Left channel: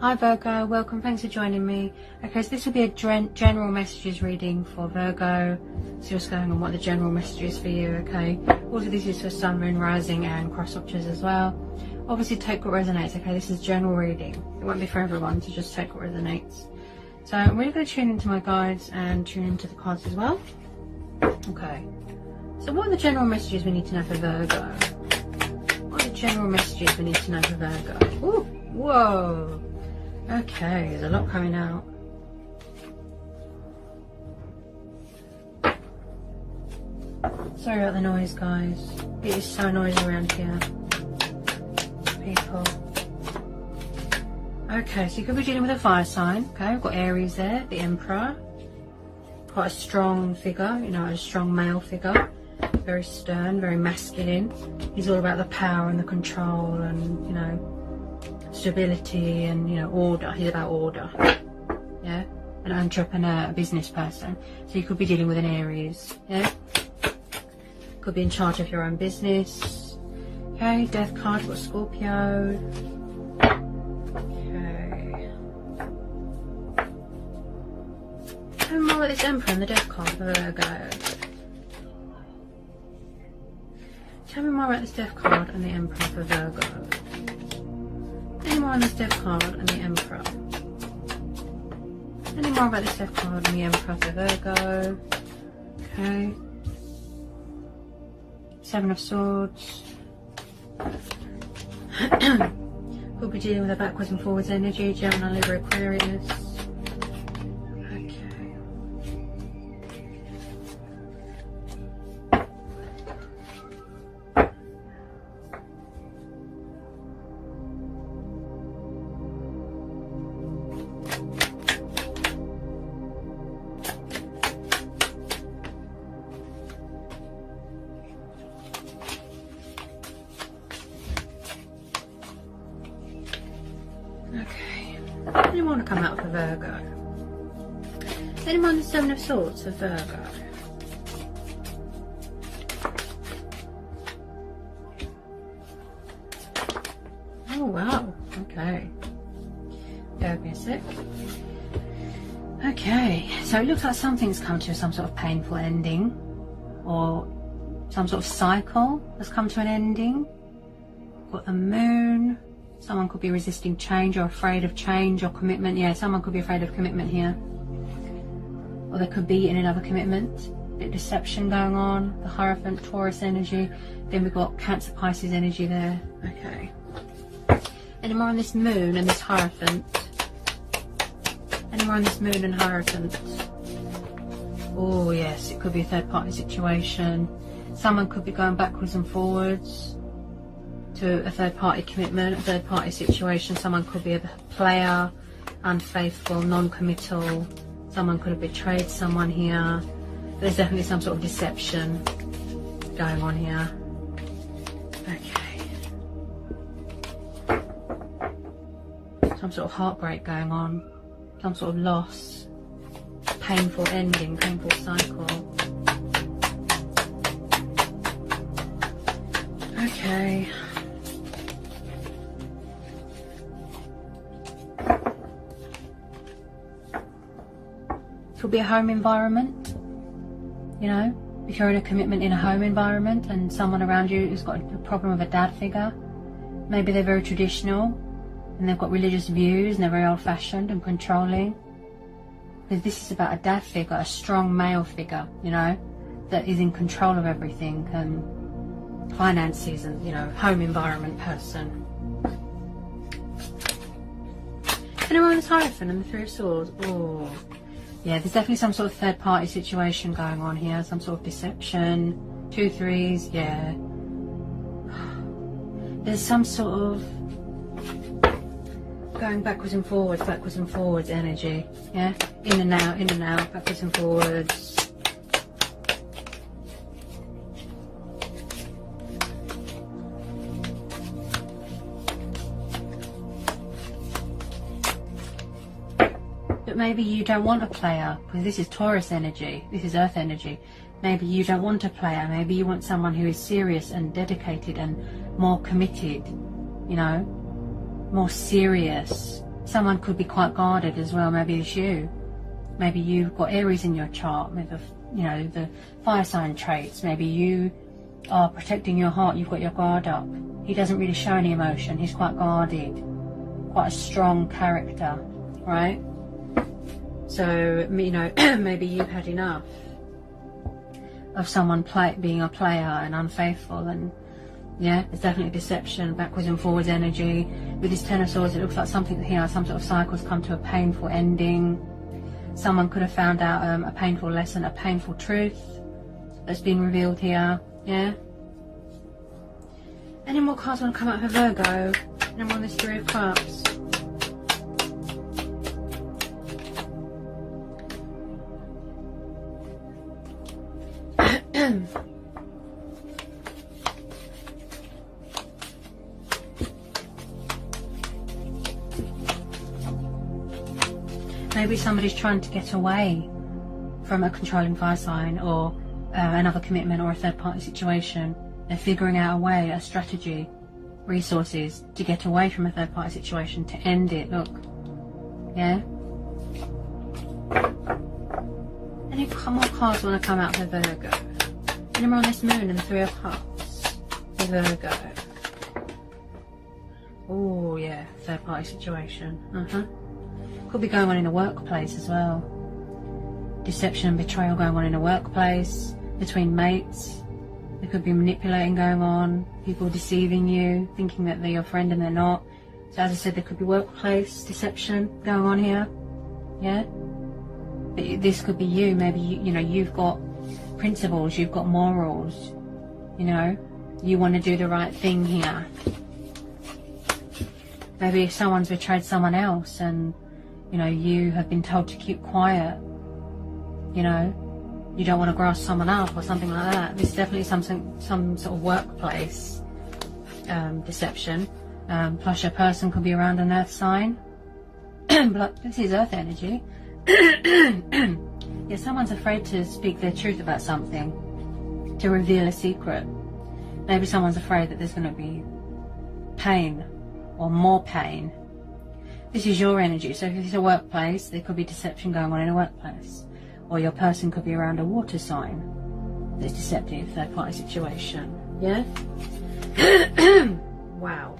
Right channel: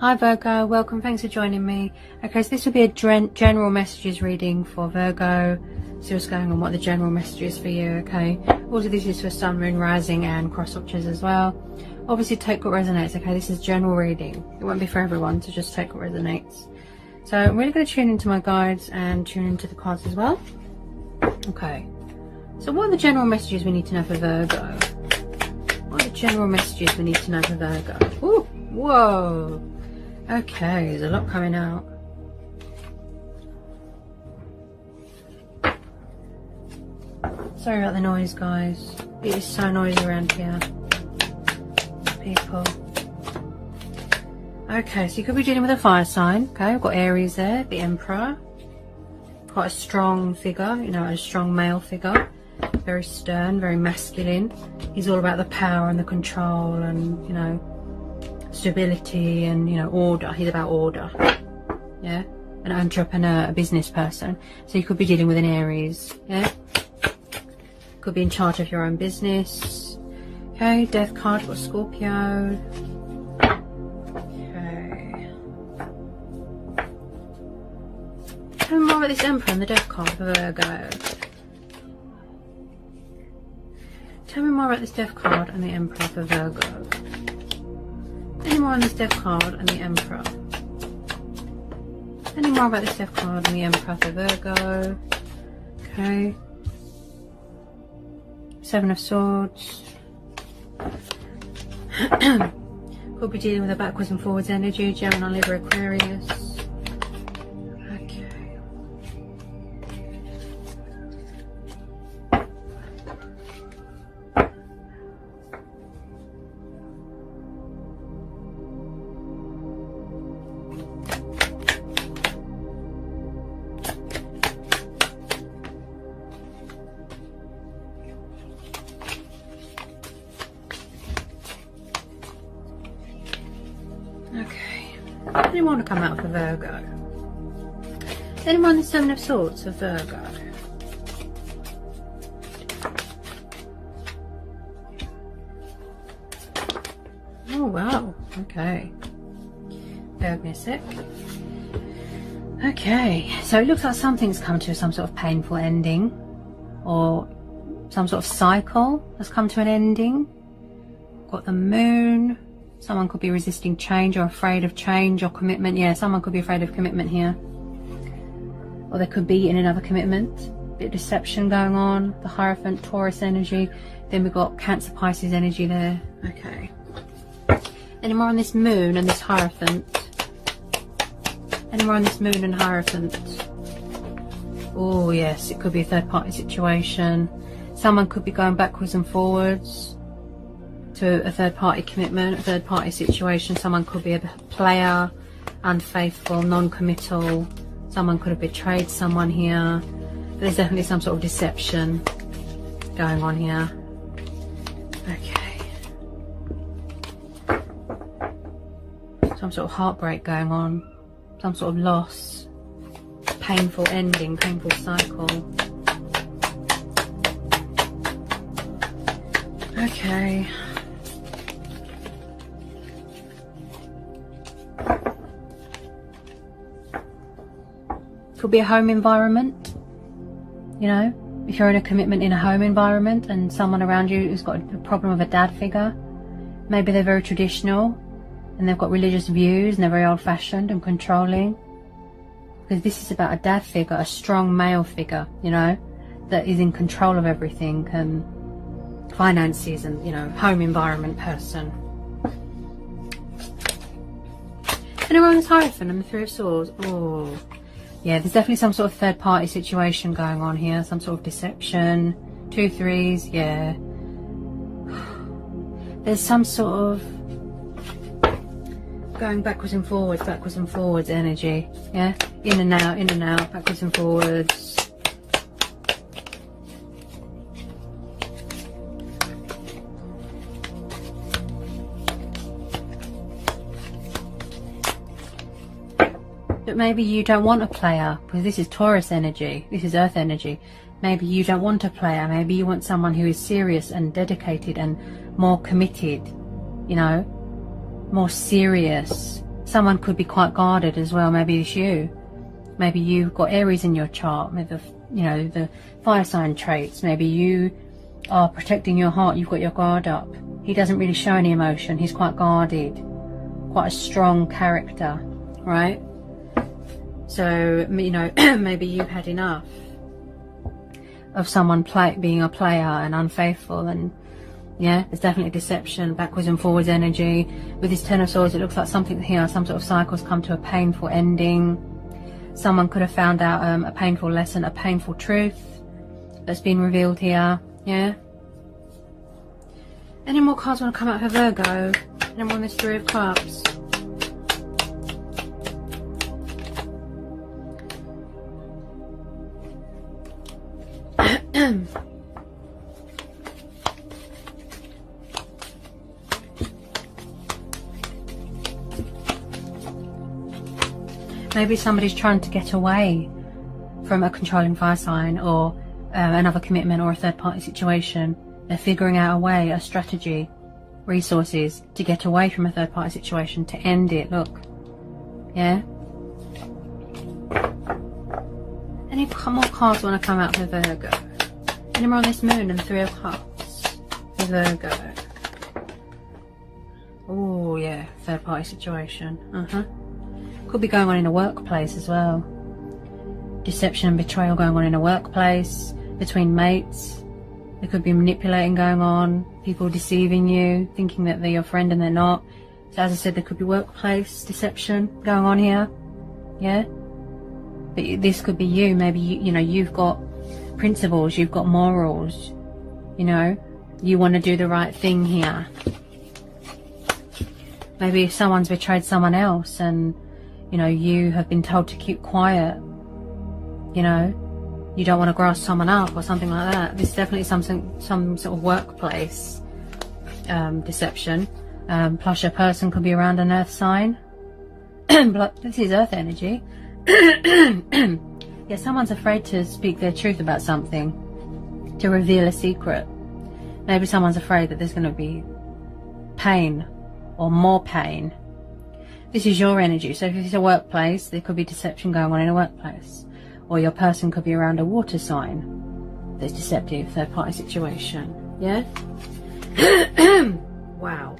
Hi Virgo, welcome, thanks for joining me. Okay, so this will be a general messages reading for Virgo. See what's going on, what the general message is for you, okay? Also this is for Sun, Moon, Rising and cross watchers as well. Obviously take what resonates, okay? This is general reading. It won't be for everyone, so just take what resonates. So I'm really going to tune into my guides and tune into the cards as well. Okay, so what are the general messages we need to know for Virgo? What are the general messages we need to know for Virgo? Ooh, whoa! Okay, there's a lot coming out. Sorry about the noise, guys. It is so noisy around here. People. Okay, so you could be dealing with a fire sign. Okay, we've got Aries there, the Emperor. Quite a strong figure, you know, a strong male figure. Very stern, very masculine. He's all about the power and the control and, you know, stability and, you know, order. He's about order. Yeah, an entrepreneur, a business person. So you could be dealing with an Aries. Yeah, could be in charge of your own business. Okay, Death card for Scorpio. Okay, tell me more about this Emperor and the Death card for Virgo. Tell me more about this Death card and the Emperor for Virgo. Any more on this Death card and the Emperor? Any more about this Death card and the Emperor for Virgo? Okay. Seven of Swords. We'll be dealing with a backwards and forwards energy. Gemini, Libra, Aquarius. Okay. Okay, anyone want to come out for Virgo? Anyone the Seven of Swords for Virgo? Oh wow, okay. Bear with me a sec. Okay, so it looks like something's come to some sort of painful ending, or some sort of cycle has come to an ending. Got the Moon. Someone could be resisting change or afraid of change or commitment. Yeah, someone could be afraid of commitment here. Or they could be in another commitment. Bit of deception going on. The Hierophant, Taurus energy. Then we've got Cancer, Pisces energy there. Okay. Any more on this Moon and this Hierophant? Any more on this Moon and Hierophant? Oh yes, it could be a third party situation. Someone could be going backwards and forwards to a third party commitment, a third party situation. Someone could be a player, unfaithful, non-committal. Someone could have betrayed someone here. There's definitely some sort of deception going on here. Okay. Some sort of heartbreak going on. Some sort of loss. Painful ending, painful cycle. Okay. Could be a home environment, you know, if you're in a commitment in a home environment and someone around you who's got a problem with a dad figure. Maybe they're very traditional and they've got religious views and they're very old-fashioned and controlling, because this is about a dad figure, a strong male figure, you know, that is in control of everything and finances and, you know, home environment person. Anyone who's Hierophant and the Three of Swords? Oh yeah, there's definitely some sort of third party situation going on here, some sort of deception. 2 threes, yeah. There's some sort of going backwards and forwards energy, yeah? In and out, backwards and forwards. But maybe you don't want a player, because this is Taurus energy, this is Earth energy. Maybe you don't want a player, maybe you want someone who is serious and dedicated and more committed, you know, more serious, Someone could be quite guarded as well. Maybe it's you. Maybe you've got Aries in your chart. Maybe the fire sign traits. Maybe you are protecting your heart. You've got your guard up. He doesn't really show any emotion. He's quite guarded. Quite a strong character, right? So, maybe you've had enough of someone being a player and unfaithful, and yeah, there's definitely deception, backwards and forwards energy. With this Ten of Swords, it looks like something here, some sort of cycle's come to a painful ending. Someone could have found out a painful lesson, a painful truth that's been revealed here, yeah. Any more cards want to come out for Virgo? And I'm on this Three of Cups. Maybe somebody's trying to get away from a controlling fire sign, or another commitment, or a third party situation. They're figuring out a way, a strategy, resources to get away from a third party situation, to end it. Look, yeah. Any more cards want to come out for Virgo? Any more on this Moon and Three of Cups for Virgo? Oh yeah, third party situation. Could be going on in a workplace as well. Deception and betrayal going on in a workplace, between mates. There could be manipulating going on, people deceiving you, thinking that they're your friend and they're not. So as I said, there could be workplace deception going on here, yeah. But this could be you. Maybe you've got principles, you've got morals, you want to do the right thing here. Maybe if someone's betrayed someone else and you have been told to keep quiet, you don't want to grass someone up or something like that. This is definitely some sort of workplace deception. Plus your person could be around an earth sign. But this is earth energy. Yeah, someone's afraid to speak their truth about something, to reveal a secret. Maybe someone's afraid that there's going to be pain or more pain. This is your energy. So if it's a workplace, there could be deception going on in a workplace. Or your person could be around a water sign that's deceptive, third party situation. Yeah? Wow.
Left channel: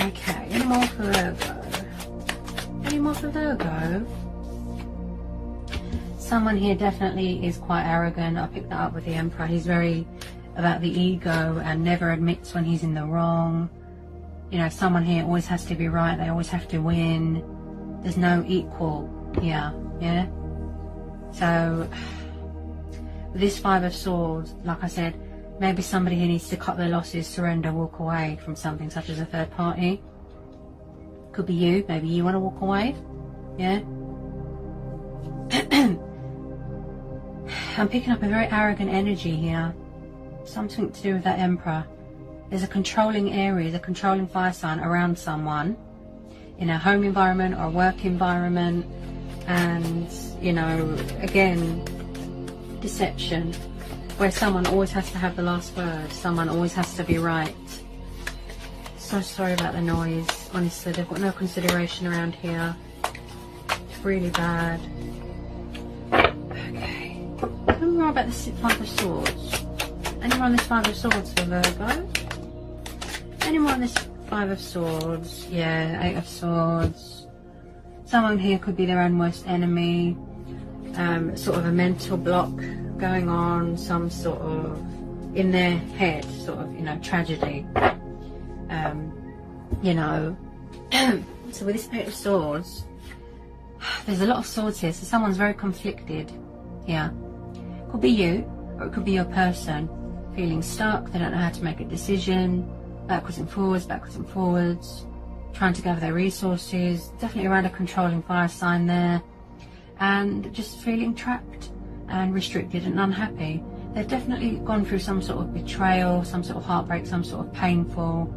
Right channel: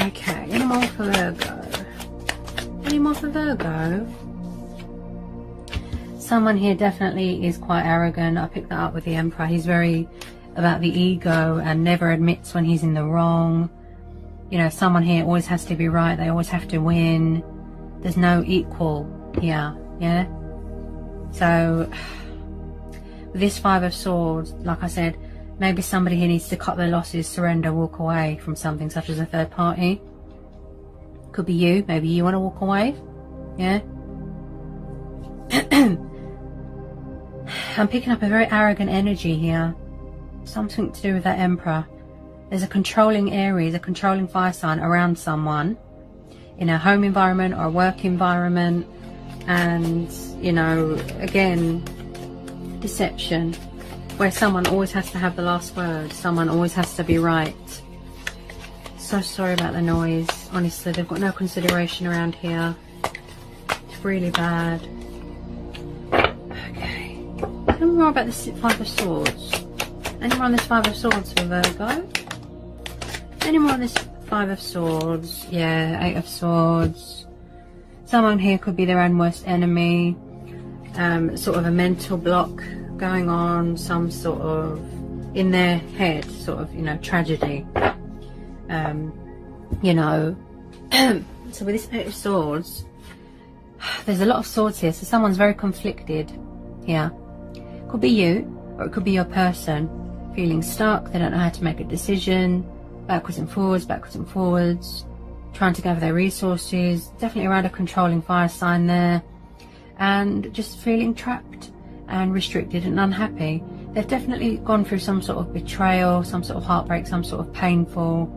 Okay, any more for Virgo? Any more for Virgo? Someone here definitely is quite arrogant. I picked that up with the Emperor. He's very about the ego and never admits when he's in the wrong. Someone here always has to be right. They always have to win. There's no equal here, yeah? So, with this Five of Swords, like I said, maybe somebody here needs to cut their losses, surrender, walk away from something such as a third party. Could be you. Maybe you want to walk away, yeah? I'm picking up a very arrogant energy here. Something to do with that Emperor. There's a controlling Aries, a controlling fire sign around someone in a home environment or a work environment. And, again, deception. Where someone always has to have the last word. Someone always has to be right. So sorry about the noise. Honestly, they've got no consideration around here. It's really bad. Okay. Tell me more about this Five of Swords. Any more on this Five of Swords for Virgo? Any more on this Five of Swords? Yeah, Eight of Swords. Someone here could be their own worst enemy. Sort of a mental block going on, some sort of in their head, sort of, tragedy. So with this Eight of Swords, there's a lot of swords here, so someone's very conflicted here. Could be you, or it could be your person, feeling stuck, they don't know how to make a decision, backwards and forwards, trying to gather their resources, definitely around a controlling fire sign there, and just feeling trapped and restricted and unhappy. They've definitely gone through some sort of betrayal, some sort of heartbreak, some sort of painful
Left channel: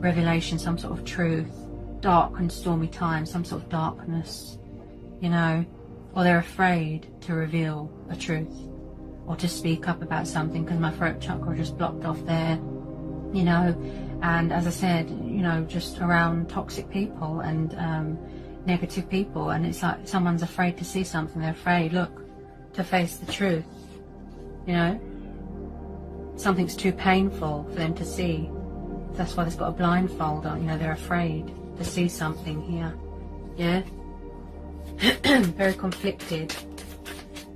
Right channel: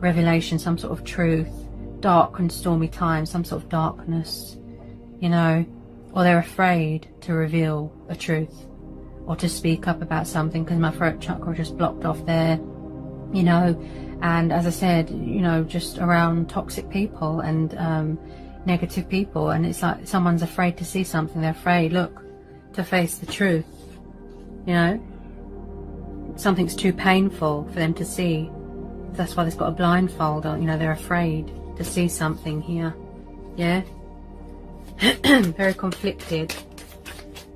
revelation, some sort of truth, dark and stormy times, some sort of darkness, or they're afraid to reveal a truth or to speak up about something, because my throat chakra just blocked off there, you know. And as I said, you know, just around toxic people and negative people, and it's like someone's afraid to see something. They're afraid, look, to face the truth, you know. Something's too painful for them to see. That's why they've got a blindfold on, you know. They're afraid to see something here. Yeah. Very conflicted,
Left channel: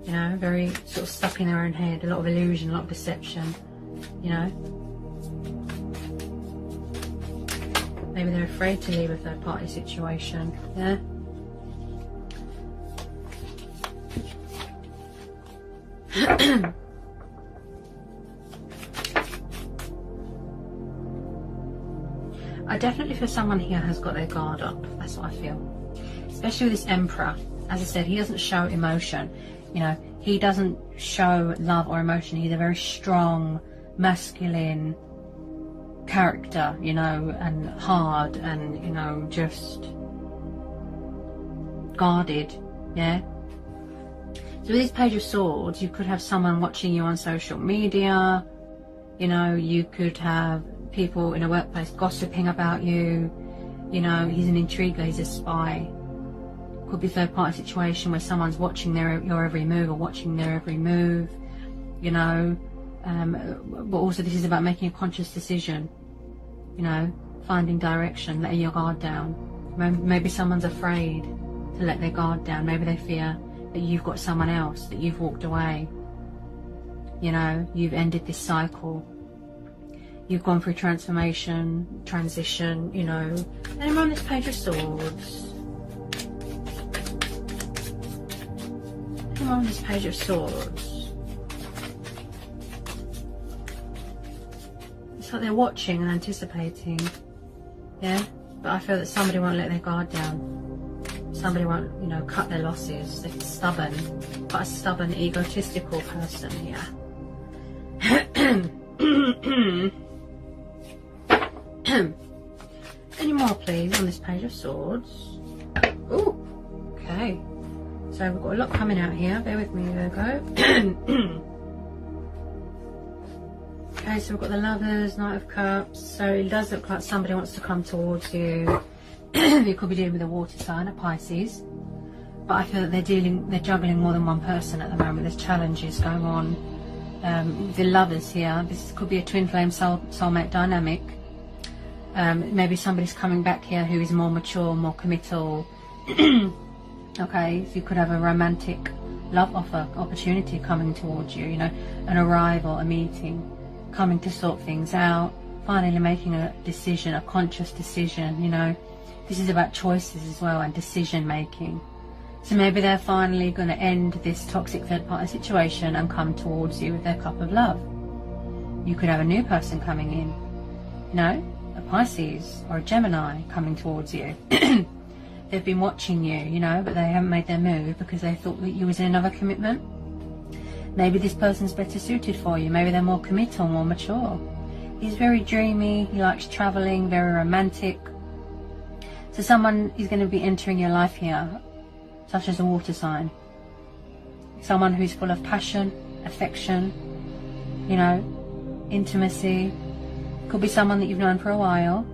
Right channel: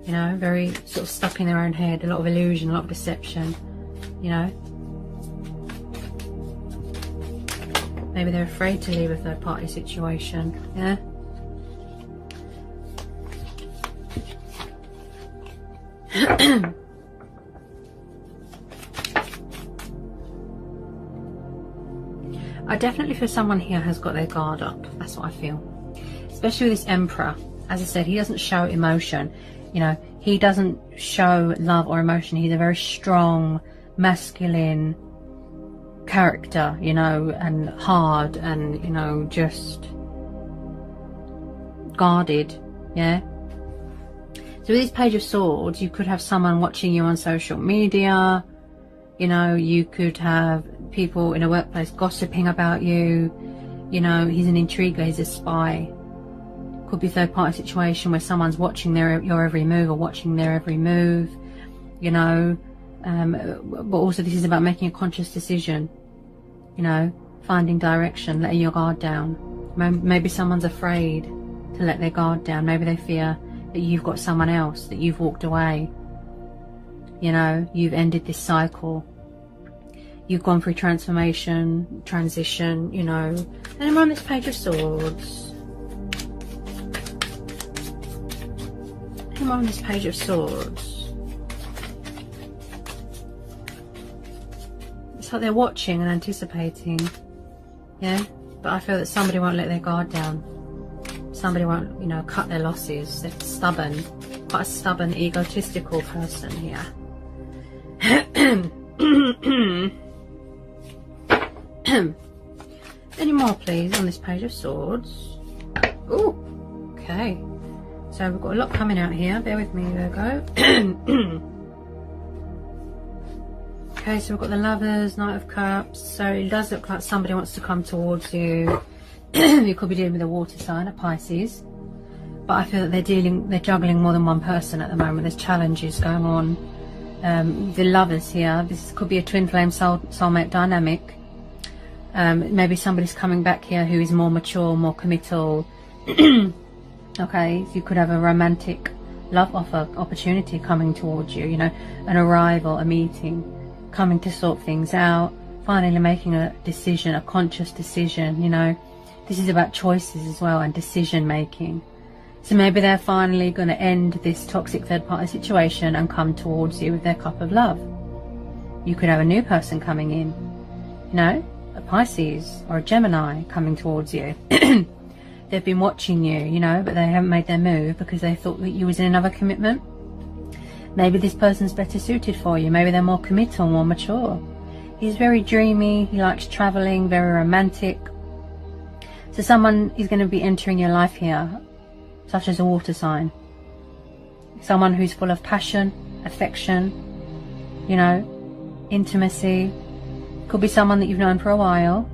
you know, very sort of stuck in their own head, a lot of illusion, a lot of deception, you know. Maybe they're afraid to leave a third party situation, yeah. I definitely feel someone here has got their guard up. That's what I feel. Especially this Emperor. As I said, he doesn't show emotion. You know, he doesn't show love or emotion. He's a very strong, masculine character, you know, and hard and, you know, just guarded, yeah. So with this Page of Swords, you could have someone watching you on social media, you know, you could have people in a workplace gossiping about you, you know. He's an intriguer, he's a spy. Could be third party situation where someone's watching your every move, or watching their every move, you know. But also this is about making a conscious decision, you know, finding direction, letting your guard down. Maybe someone's afraid to let their guard down. Maybe they fear that you've got someone else, that you've walked away, you know, you've ended this cycle, you've gone through transformation, transition, you know. And I'm on this Page of Swords. I'm on this Page of Swords. It's like they're watching and anticipating, yeah. But I feel that somebody won't let their guard down. Somebody won't, you know, cut their losses. They're stubborn, quite a stubborn, egotistical person, yeah. Any more, please, on this Page of Swords? Oh, okay. So we've got a lot coming out here. Bear with me, Virgo. Okay, so we've got the Lovers, Knight of Cups. So it does look like somebody wants to come towards you. You could be dealing with a water sign, a Pisces. But I feel that they're juggling more than one person at the moment. There's challenges going on. The Lovers here, this could be a twin flame soulmate dynamic. Maybe somebody's coming back here who is more mature, more committal. Okay, so you could have a romantic love offer opportunity coming towards you, you know, an arrival, a meeting, coming to sort things out, finally making a decision, a conscious decision, you know. This is about choices as well, and decision making. So maybe they're finally going to end this toxic third party situation and come towards you with their cup of love. You could have a new person coming in, you know, a Pisces or a Gemini coming towards you. They've been watching you, you know, but they haven't made their move because they thought that you was in another commitment. Maybe this person's better suited for you. Maybe they're more committal, more mature. He's very dreamy. He likes traveling, very romantic. So someone is going to be entering your life here, such as a water sign. Someone who's full of passion, affection, you know, intimacy. Could be someone that you've known for a while.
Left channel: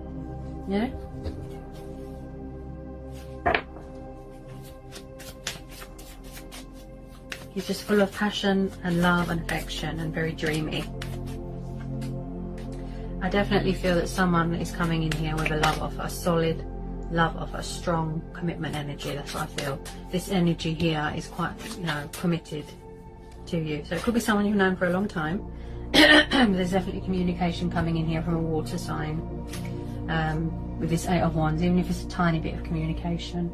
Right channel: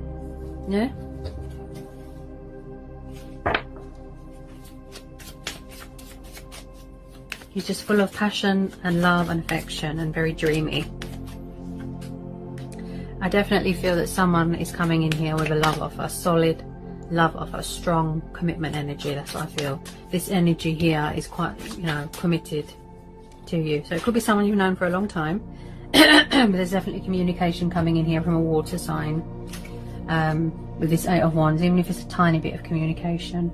Yeah. He's just full of passion and love and affection and very dreamy. I definitely feel that someone is coming in here with a love offer, a solid love offer, strong commitment energy. That's what I feel. This energy here is quite, you know, committed to you. So it could be someone you've known for a long time. But there's definitely communication coming in here from a water sign. With this 8 of Wands, even if it's a tiny bit of communication.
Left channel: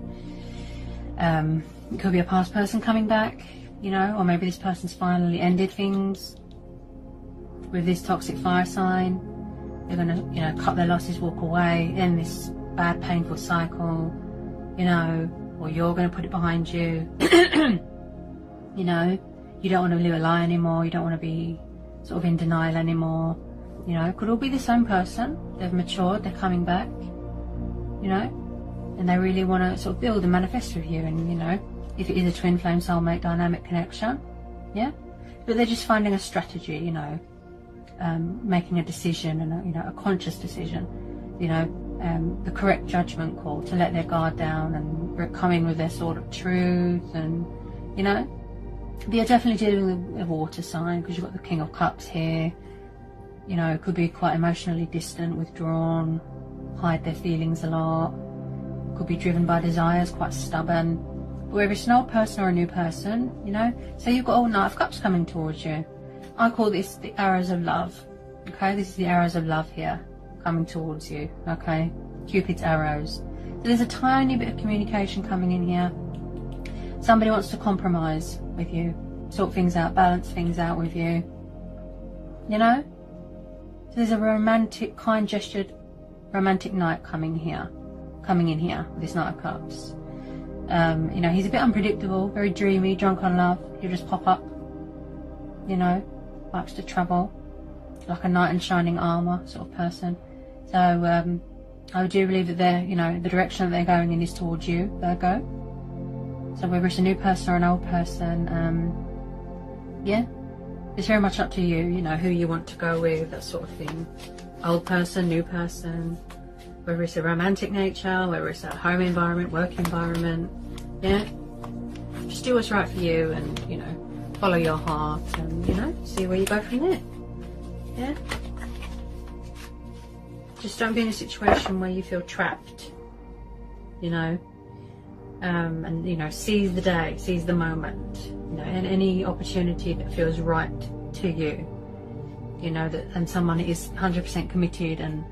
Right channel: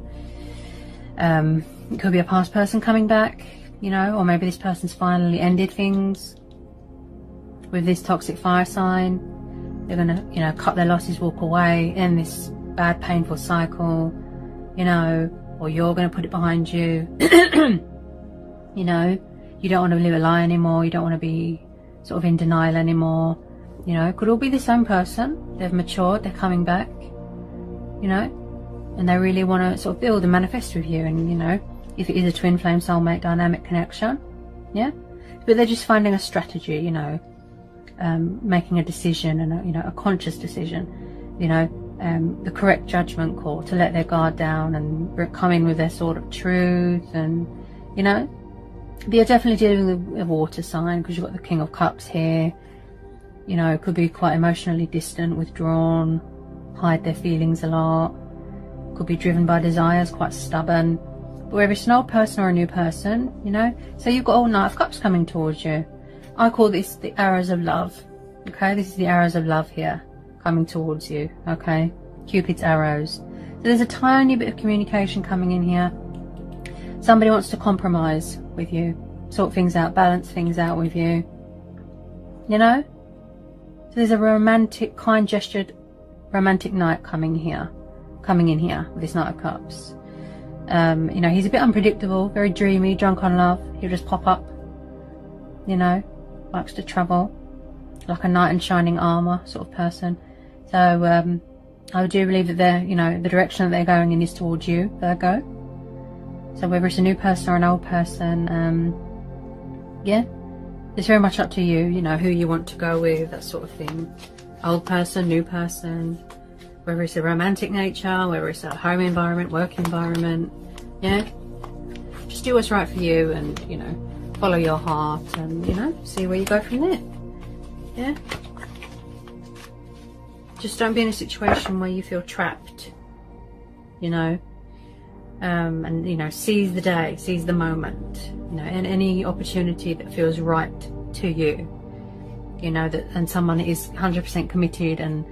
It could be a past person coming back, you know, or maybe this person's finally ended things with this toxic fire sign. They're gonna, you know, cut their losses, walk away, end this bad, painful cycle, you know, or you're gonna put it behind you. You know, you don't want to live a lie anymore. You don't want to be sort of in denial anymore. You know, it could all be the same person. They've matured, they're coming back, you know, and they really want to sort of build and manifest with you. And, you know, if it is a twin flame soulmate dynamic connection, yeah, but they're just finding a strategy, you know, making a decision, and you know, a conscious decision, you know, the correct judgment call to let their guard down and come in with their sort of truth. And you know, you're definitely dealing with a water sign, because you've got the King of Cups here. You know, it could be quite emotionally distant, withdrawn, hide their feelings a lot, could be driven by desires, quite stubborn. But whether it's an old person or a new person, you know, so you've got all Knight of Cups coming towards you. I call this the arrows of love. Okay, this is the arrows of love here coming towards you. Okay, Cupid's arrows. So there's a tiny bit of communication coming in here. Somebody wants to compromise with you, sort things out, balance things out with you, you know. So there's a romantic, kind gestured romantic knight coming in here with this Knight of Cups. You know, he's a bit unpredictable, very dreamy, drunk on love. He'll just pop up, you know, likes to travel, like a knight in shining armor sort of person. So I do believe that they're, you know, the direction that they're going in is towards you, Virgo. So whether it's a new person or an old person, yeah, it's very much up to you, you know, who you want to go with, that sort of thing. Old person, new person, whether it's a romantic nature, whether it's a home environment, work environment, yeah. Just do what's right for you, and, you know, follow your heart, and, you know, see where you go from there, yeah. Just don't be in a situation where you feel trapped, you know. And you know, seize the day, seize the moment, you know, and any opportunity that feels right to you, you know, that, and someone is 100% committed and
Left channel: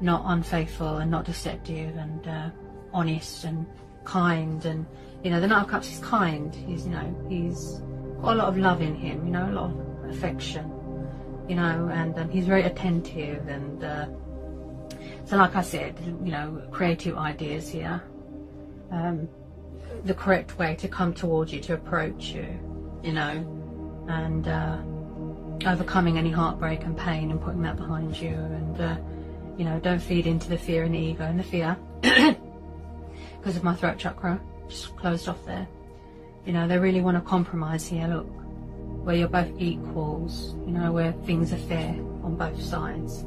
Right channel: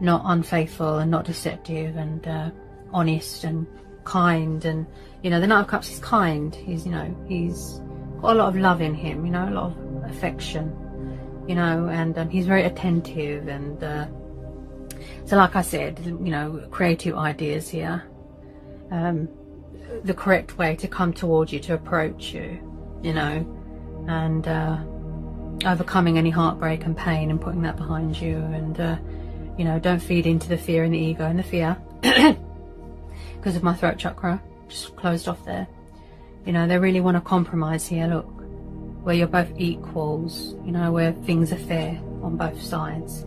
not unfaithful and not deceptive and honest and kind. And you know, the Knight of Cups is kind. He's, you know, he's got a lot of love in him, you know, a lot of affection, you know, and he's very attentive. And so like I said, you know, creative ideas here. The correct way to come towards you, to approach you, you know, and overcoming any heartbreak and pain and putting that behind you. And you know, don't feed into the fear and the ego and the fear because of my throat chakra just closed off there. You know, they really want to compromise here, look, where you're both equals, you know, where things are fair on both sides,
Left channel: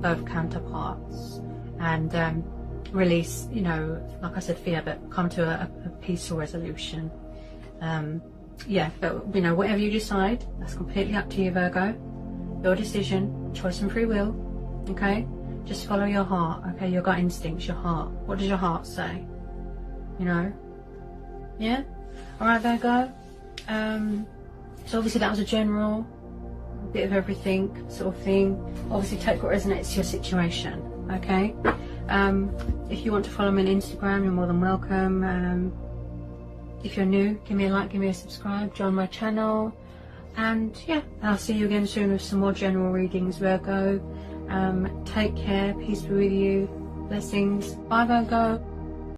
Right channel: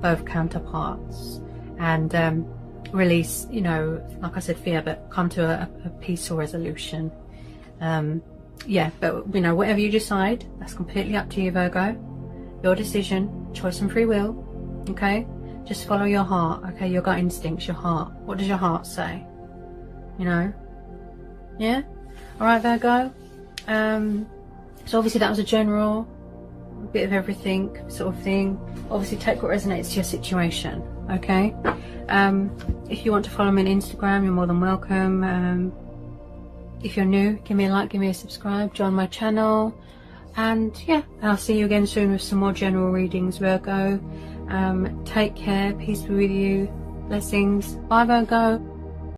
both counterparts, and release, you know, like I said, fear, but come to a peaceful resolution. Yeah, but you know, whatever you decide, that's completely up to you, Virgo. Your decision, choice and free will. Okay, just follow your heart. Okay, your gut instincts, your heart. What does your heart say? You know, yeah. All right, Virgo. So obviously that was a general, bit of everything sort of thing. Obviously take what resonates to your situation. Okay. If you want to follow me on Instagram, you're more than welcome. If you're new, give me a like, give me a subscribe, join my channel, and yeah, I'll see you again soon with some more general readings, Virgo. Take care, peace be with you, blessings, bye Virgo.